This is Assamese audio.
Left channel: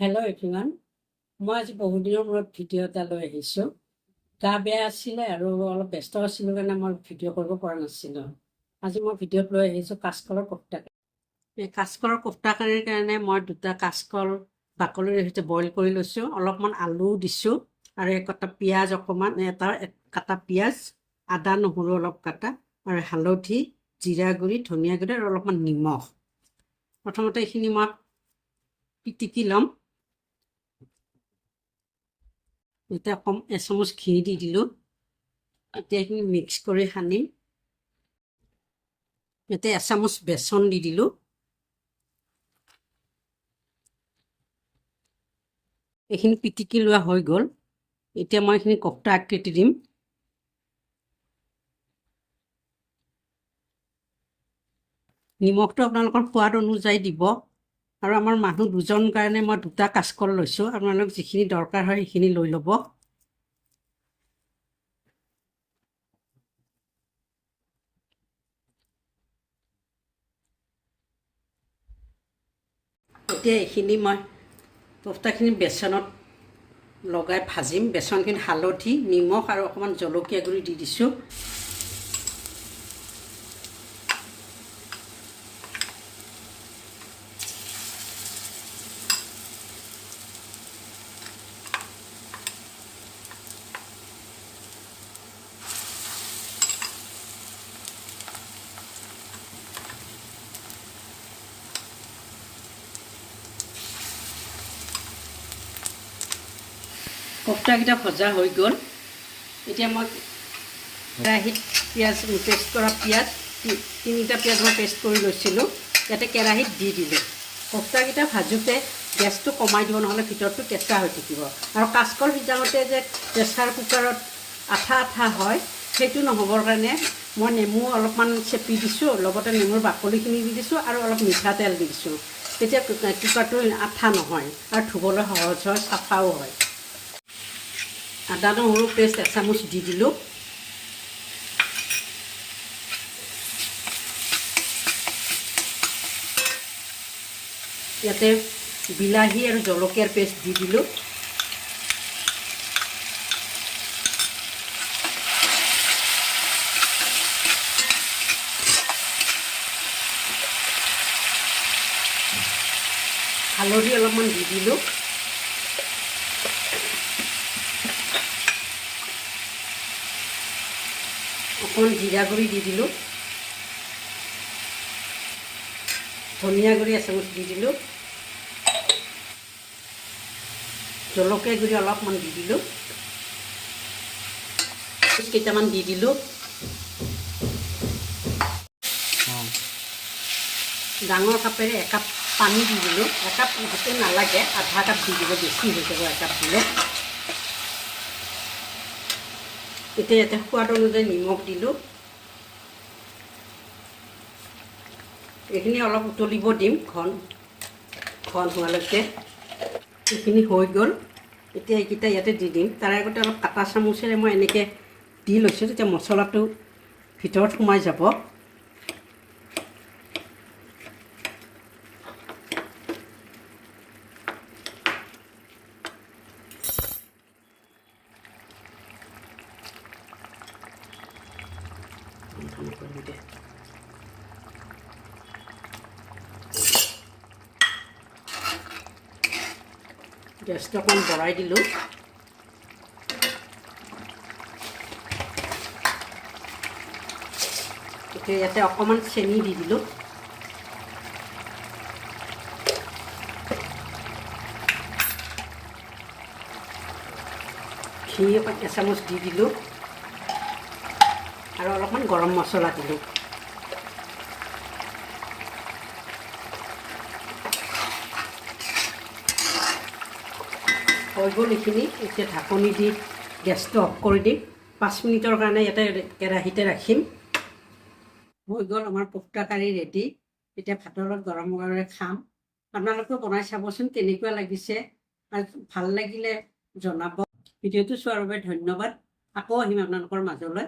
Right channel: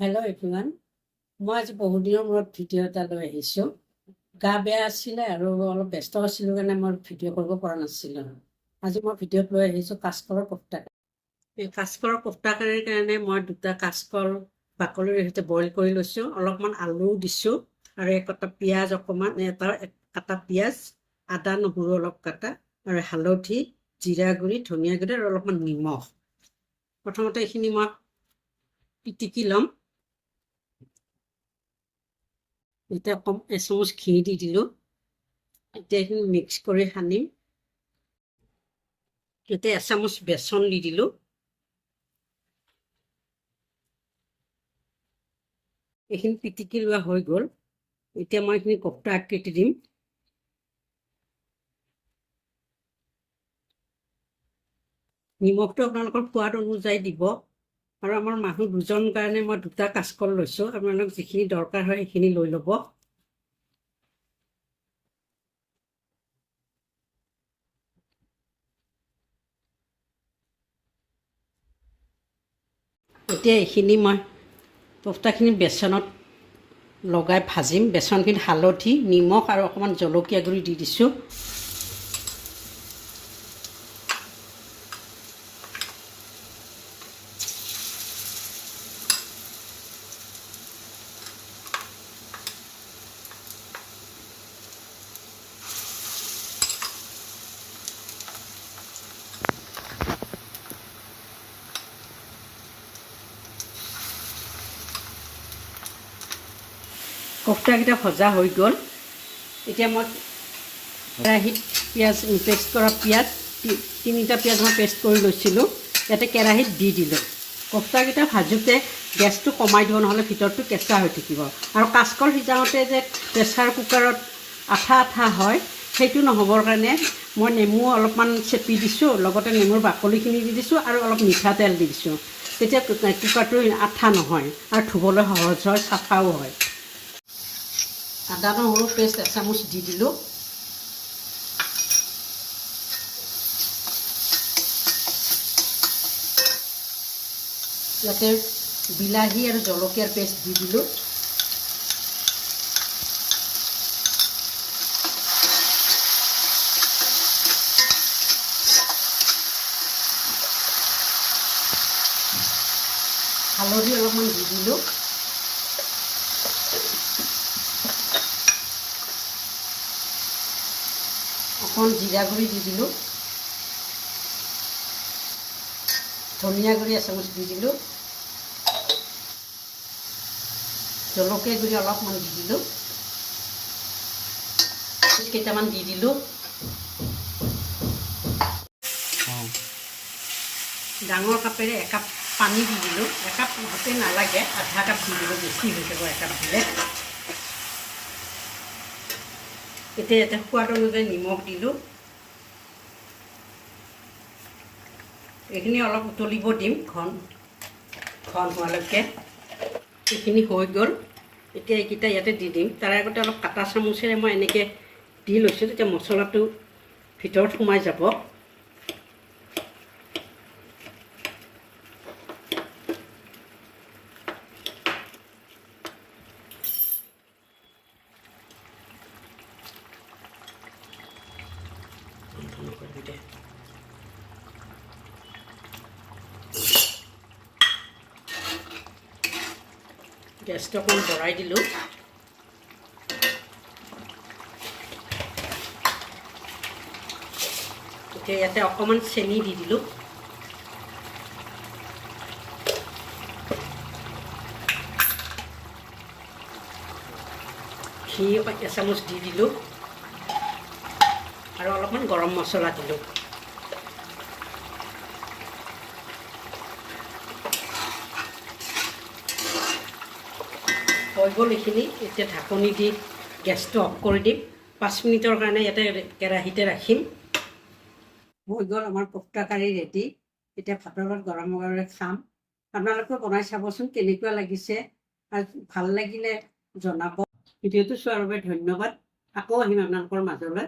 হেল্ল' এভৰিৱান, মই আজি বহুত দিনৰ মূৰত ভিডিঅ' এটা লৈ আহিছোঁ। গা বেয়া আছিলে আৰু অলপ ব্যস্ত আছিলোঁ কাৰণে মই ভিডিঅ' কৰিব পৰা নাছিলোঁ। আজি মই ভিডিঅ'ত লৈ আহিছোঁ কাচকলৰ কোফ্তা। এই কাচকলৰ কোফ্তা কাৰীৰ কাৰণে মই দুটা কাচকল বাকলিৰ সৈতে বইল কৰি লৈছোঁ। অলপমান আলু দিছোঁ আৰু কটা পিঁয়াজ অকণমান, এটা কাটা পিঁয়াজ, আদা নহৰু অলপ কাটা আৰু হালধি, জিৰা গুড়ি, ধনিয়া গুড়ি আৰু অলপমান নিমখ। প্ৰথমতে এইখিনি মই পিটিকি ল'ম। এতিয়া এচামুচ ঘি দি দিলোঁ। এতিয়া এইখিনি মিক্স কৰি সানিম। এতিয়া এচামুচ বেচন দি দিলোঁ। এইখিনি পিটিকি লোৱা হৈ গ'ল। এতিয়া মই এইখিনি কোফ্তা আকৃতি দিম। নিমখটো আপোনালোকৰ সোৱাদ অনুযায়ী দিব। আৰু আমাৰ মানুহ দুজন কাৰণে মই দুটা কাচকল লৈছোঁ। আপোনালোক যিখিনি দৰকাৰ হয় সেইখিনি লৈ ল'ব। এতিয়া এইখিনি মই কোফ্তাখিনি বেচনত লগাই ভাজিম। বেচনখিনি হালধি, নিমখ আৰু অকণমান জলকীয়া গুড়ি দি দিছোঁ। কোফ্তাকেইটা ভজা হৈ গ'ল। এতিয়া মই কেৰাহীত পেষ্ট কৰা পিঁয়াজ, তিনিটা পিঁয়াজ মই পেষ্ট কৰি লৈছিলোঁ, ইয়াতে কেৰাহীত দি দিলোঁ। কোফ্তাকেইটা ভাজোঁতে গেছটো কমাই দিব, নহ'লে ভিতৰটো কেঁচা হৈ থাকিব। আৰু কাচকল সিজাওঁতে যে প্ৰেছাৰ কুকাৰত আঠা আঠা হয়, সেইটো নহ'বৰ কাৰণে মই নেমু অলপমান চেপি দিছোঁ, লগতে নেমুৰ বাকলিখিনি দি দিছোঁ আৰু অলপ মিঠাতেল দি দিছোঁ। তেতিয়া কুকাৰটো আঠা নহয় আৰু ধুবলৈ সহজ হয়, চাফাও হয়। আদা নহৰু পেষ্ট এচামুচ দি দিলোঁ। ইয়াতে বিলাহী আৰু জলকীয়াৰ পেষ্ট দি দিলোঁ। হালধি অলপমান দি দিলোঁ। অকণমান জিৰা গুড়ি দি দিলোঁ। ধনিয়া গুড়ি এচামুচ দি দিলোঁ। জলকীয়া গুড়ি অলপমান দি দিলোঁ। কেইটামান দি দিলোঁ। ডাঙৰ কাপেৰে একাপ পানী দি দিলোঁ। একাপ গোটেই নালাগে, আধা কাপ দি দিলোঁ, বেছি হৈ যাব একাপ দিলে। এতিয়া ইয়াতে সোৱাদ অনুযায়ী নিমখ দিলোঁ। এইখিনি অলপ উতলিব দিম, ঘন হোৱালৈকে। এইখিনি হৈ গ'ল। এতিয়া এইকেইটা ইয়াতে দি দিম। তাৰ আগতে অলপ কাটা চামুচেৰে মই এনেকৈ দি লৈছোঁ, তেতিয়া মছলাটো ভিতৰত সোমাই যাব। গেছটো অকণমান বঢ়াই দিলোঁ। এতিয়া ইয়াতে অকণমান চেনি দি দিলোঁ। ঘি এচামুচ দি দিলোঁ আৰু অলপমান গৰম মছলা দিলোঁ। হৈ গ'ল এইখিনি। এতিয়া ঢাকনি দি গেছটো অফ কৰি দিম। 5 মিনিটৰ কাৰণে ইয়াতে কেৰাহীতে ৰাখিম। হৈ গ'ল আমাৰ কোফ্তা কাৰী ৰেডি। এতিয়া ভাতৰ লগত গৰম গৰমে খাম। আপোনালোকেও বনাই চাবচোন কেনেকুৱা লাগিছে, আৰু ভাল লাগিলে জনাব। ভিডিঅ'টো চোৱাৰ বাবে ধন্যবাদ। আকৌ আহিম আপোনালোকৰ মাজলৈ।